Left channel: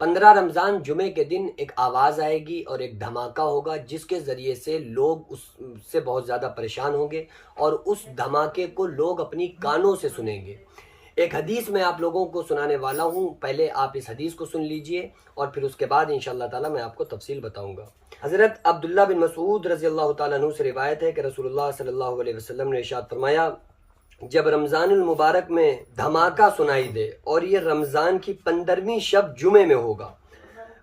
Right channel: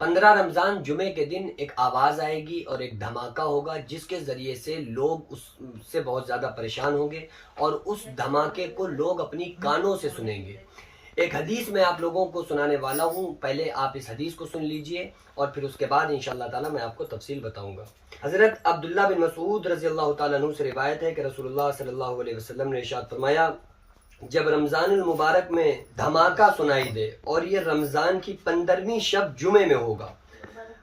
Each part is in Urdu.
15 رمضان جمعے کے دن ایک آواز آئے گی اور ایک دھماکہ ہوگا جس کے ذریعے سے لوگ اس سے بہت زیادہ پریشان ہوں گے اور اس دھماکے کو لوگ اپنی کانوں سے سنیں گے۔ ایک حدیث میں آپ لوگوں کو سنانے والا ہوں، پہلے آپ اس حدیث کو سن لیجئے اور پھر اس کے بعد انشاءاللہ تعالی میں آپ کو تفصیل بتاؤں گا۔ حضرت عبداللہ بن مسعود رضی اللہ تعالیٰ عنہ سے روایت ہے کہ رسول اللہ صلی اللہ علیہ وسلم نے ارشاد فرمایا، جب رمضان المبارک میں دھماکہ سنائی دے اور یہ رمضان کی 15ویں شب جمعے میں ہوگا،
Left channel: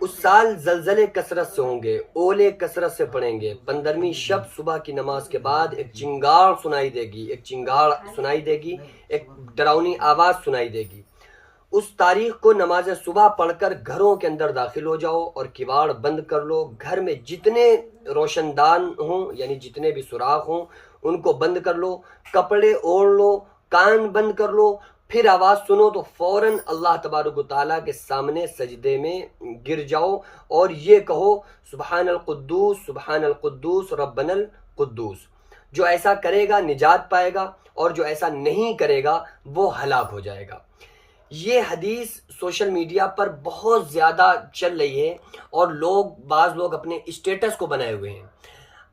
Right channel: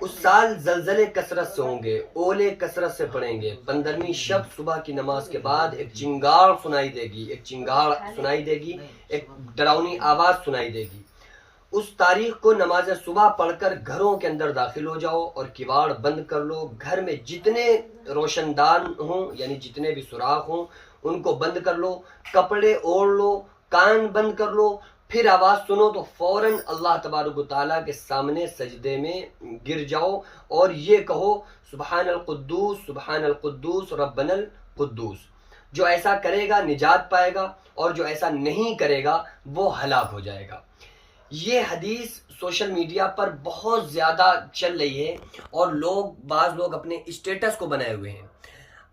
اس سال زلزلے کثرت سے ہوں گے، اولے کثرت سے پڑیں گے، 15ویں شب صبح کی نماز کے بعد ایک چنگاڑ سنائی دے گی، ایک ڈراؤنی آواز سنائی دے گی۔ اس تاریخ کو نماز صبح پڑھ کر گھروں کے اندر داخل ہو جاؤ اور کواڑ بند کر لو، گھر میں جتنے روشن دان ہوں یعنی جتنے بھی سوراخ ہوں ان کو بند کر لو، کپڑے اوڑھ لو، کان بند کر لو، پھر آواز سنو تو فوراً اللہ تبارک و تعالیٰ کے سامنے سجدے میں گر جاؤ اور یہ کہو، سبحان القدوس ربنا القدوس۔ جو ایسا کرے گا نجات پائے گا اور جو ایسا نہیں کرے گا وہ ہلاک ہو جائے گا۔ یہ حدیث سوشل میڈیا پر بہت زیادہ چل رہی ہے اور بعض لوگ اپنے اسٹیٹس کو بنائے ہوئے ہیں۔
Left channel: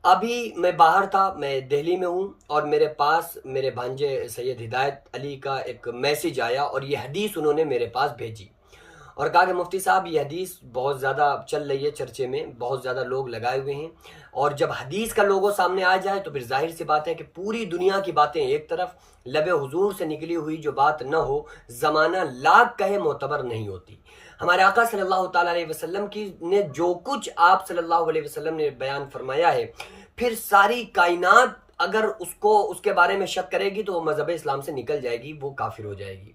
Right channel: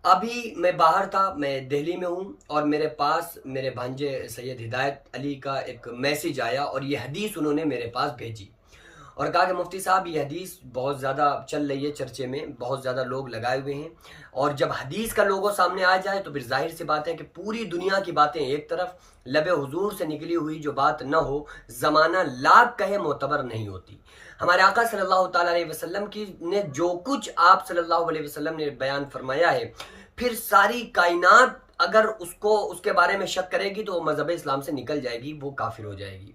ابھی میں باہر تھا، میں دہلی میں ہوں اور میرے پاس میرے بھانجے سید ہدایت علی کا ایک میسیج آیا اور یہ حدیث انہوں نے میرے پاس بھیجی اور کہا کہ مفتی صاحب یہ حدیث بہت زیادہ چل رہی ہے، چرچے میں بہت زیادہ لوگ لگائے ہوئے ہیں، اور جب حدیث کا لوگو سامنے آ جائے تو پھر ظاہر سی بات ہے کہ پوری دنیا کی باتیں ایک طرف، لب حضور سے نکلی ہوئی جو بات نہ ہو زمانہ لاکھ کہے معتبر نہیں ہوتی۔ ہمارے آقا صلی اللہ تعالیٰ علیہ وسلم نے جو کچھ آپ صلی اللہ علیہ وسلم نے بیان فرمایا ہے، پھر ساری کائنات اگر اس کے بارے میں شک کرے گی تو وہ مذہب اسلام سے نکل جائے گی، وہ کافر ہو جائے گی۔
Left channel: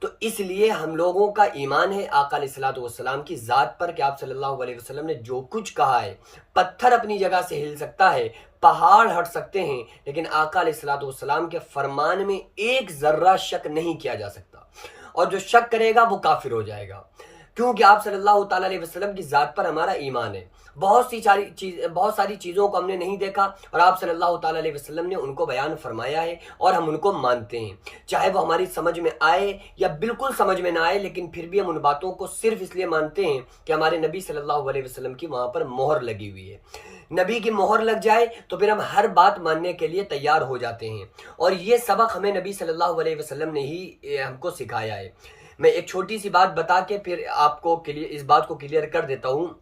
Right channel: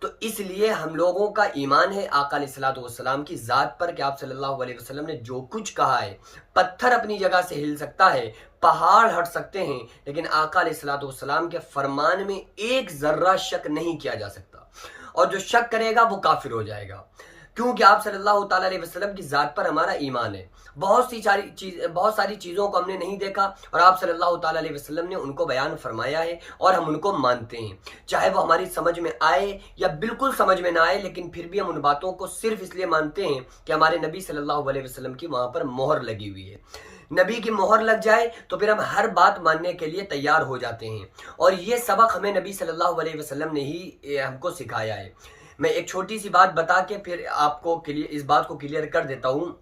تو اس لیے ہم لوگوں کا ایمان ہے آقا علیہ الصلوۃ والسلام کی ذات پر کہ آپ صلی اللہ علیہ وسلم نے جو کچھ کہا ہے، پتھر اپنی جگہ سے ہل سکتا ہے، پہاڑ ہٹ سکتے ہیں، لیکن آقا علیہ الصلوۃ والسلام کے فرمان میں ایک ذرہ شک نہیں کیا جا سکتا، اور جو شک کرے گا وہ کافر ہو جائے گا، کیونکہ آپ صلی اللہ تعالیٰ علیہ وسلم کی ذات پر ہمارا ایمان ہے۔ بہت ساری چیزوں کو ہم نے نہیں دیکھا اور آپ صلی اللہ تعالیٰ علیہ وسلم نے ان کو بیان فرمایا ہے اور ہم ان کو مانتے ہیں، چاہے وہ ہماری سمجھ میں آئے یا بالکل سمجھ میں نہ آئے، لیکن پھر بھی ہم ان باتوں کو صرف اس لیے مانتے ہیں کہ ہمارے نبی صلی اللہ علیہ وسلم کی وہاں پر مہر لگی ہوئی ہے۔ نبی کی مہر لگ جائے تو پھر ہم ہر بات ماننے کے لیے تیار ہو جاتے ہیں، اور یہ سبق ہمیں نبی صلی اللہ علیہ وسلم نے ہی ہم کو سکھایا ہے۔ میں ایک چھوٹی سی بات بتا کے پھر آپ کو اس بات کو کلیئر کر دیتا ہوں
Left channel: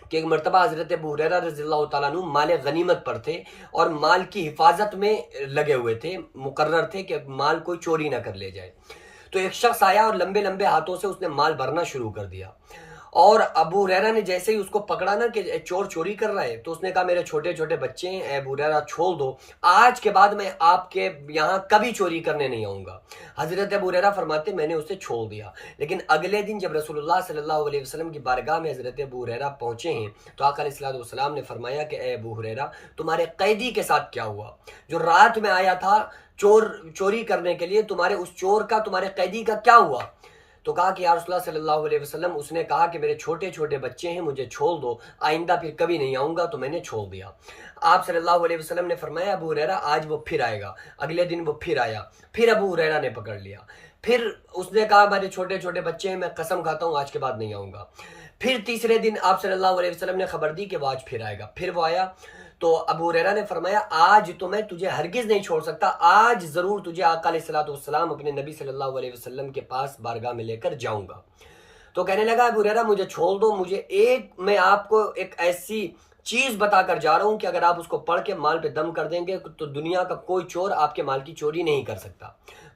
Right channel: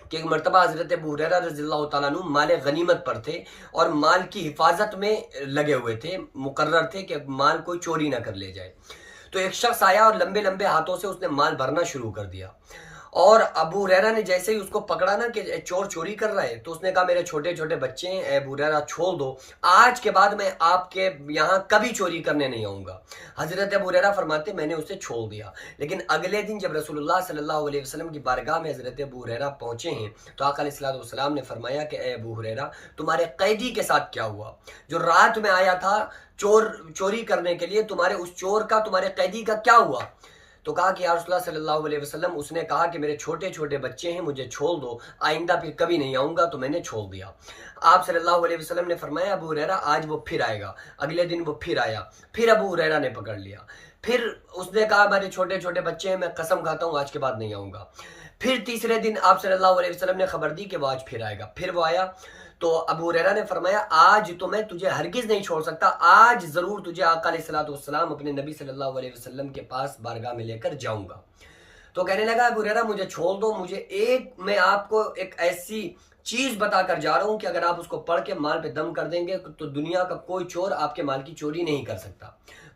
کہ ایک مرتبہ حضرت ابو ہریرہ رضی اللہ تعالیٰ عنہ مال غنیمت پر تھے اور مال کی حفاظت میں لگے ہوئے تھے، مقرر تھے کہ مال کوئی چوری نہ کر لے جائے۔ تو ایک شخص آیا اور لمبے لمبے ہاتھوں سے اس نے مال بھرنا شروع کر دیا، اور ابو ہریرہ نے جیسے ہی اس کو پکڑا نا کہ چور چوری کر رہا ہے، تو اس نے کہا میرے چھوٹے چھوٹے بچے ہیں، اے ابو ہریرہ چھوڑ دو، آج کے بعد میں آپ کے یہاں کبھی چوری کرنے نہیں آؤں گا۔ حضرت ابو ہریرہ فرماتے میں نے اسے چھوڑ دیا، لیکن اگلے دن جب رسول اللہ صلی اللہ علیہ وسلم کی بارگاہ میں حضرت ابو ہریرہ پہنچے ہیں تو آقا علیہ الصلوۃ والسلام نے فرمایا کہ اے ابو ہریرہ تمہارے قیدی کے ساتھ کیا ہوا؟ جو رات میں آیا تھا چوری کرنے کے لیے، تمہارے اس چور کا، تمہارے قیدی کا کیا ہوا؟ تو کہا کہ یا رسول اللہ صلی اللہ علیہ وسلم اس نے کہا کہ میرے چھوٹے چھوٹے بچے ہیں، مجھے چھوڑ دو، آئندہ پھر کبھی نہیں آؤں گا، تو میں نے چھوڑ دیا۔ آپ صلی اللہ علیہ وسلم نے فرمایا ابو ہریرہ آج وہ پھر آئے گا۔ اگلے دن وہ پھر آیا، پھر ابو ہریرہ نے پکڑ لیا، پھر اس نے کہا میرے چھوٹے چھوٹے بچے ہیں، میں قسم کھاتا ہوں آج کے بعد نہیں آؤں گا۔ پھر تیسرے دن آپ صلی اللہ علیہ وسلم نے خبر دی کہ وہ آج پھر آئے گا، پھر وہ آیا تو ابو ہریرہ نے فرمایا آج تو میں تجھے ہرگز نہیں چھوڑ سکتا، آج ضرور تجھے آقا علیہ الصلوۃ والسلام اپنے نبی صلی اللہ علیہ وسلم کے پاس بارگاہ میں لے کر جاؤں گا۔ تو کہنے لگا ابو ہریرہ مجھے چھوڑ دو، میں آپ کو ایک ایسی چیز بتا کر جا رہا ہوں کہ اگر آپ اس کو پڑھ کے مال پہ دم کر دیں گے تو دنیا کا کوئی چور آپ کے مال کی چوری نہیں کر سکتا۔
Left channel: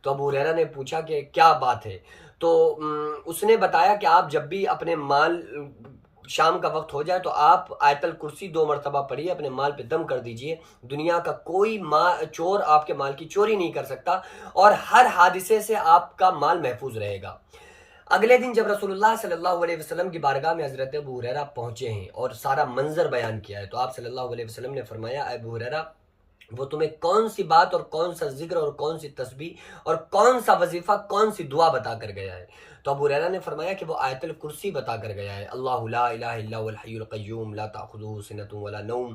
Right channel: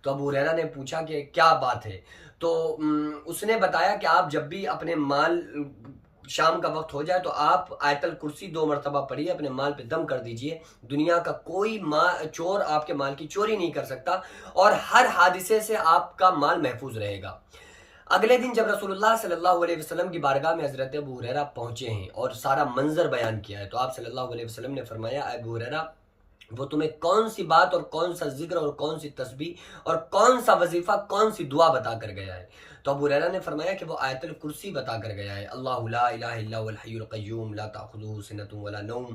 تو ابو ہریرہ نے پوچھا کہ کیا بات ہے؟ تو اس نے بتایا کہ آپ جب بھی اپنے مال شام کا وقت ہو جائے تو آپ آیت الکرسی 2 مرتبہ پڑھیے، اپنے مال پہ دم کر دیجئے، دنیا کا کوئی چور آپ کے مال کی چوری نہیں کر سکتا اور ہر حادثے سے آپ کا مال محفوظ رہے گا۔ اگلے دن جب رسول اللہ صلی اللہ علیہ وسلم کی بارگاہ میں حضرت ابو ہریرہ پہنچے ہیں اور سارا منظر بیان کیا ہے، تو آپ صلی اللہ علیہ وسلم نے فرمایا اے ابو ہریرہ وہ تمہیں کون سی بات اور کون سا ذکر اور کون سی تسبیح اور کون سا وظیفہ، کون سی دعا بتا کر گیا ہے؟ تو ابو ہریرہ نے فرمایا کہ وہ آیت الکرسی بتا کر گیا ہے، اللہ لا الہ الا هو الحی القیوم لا تأخذہ سنۃ ولا نوم،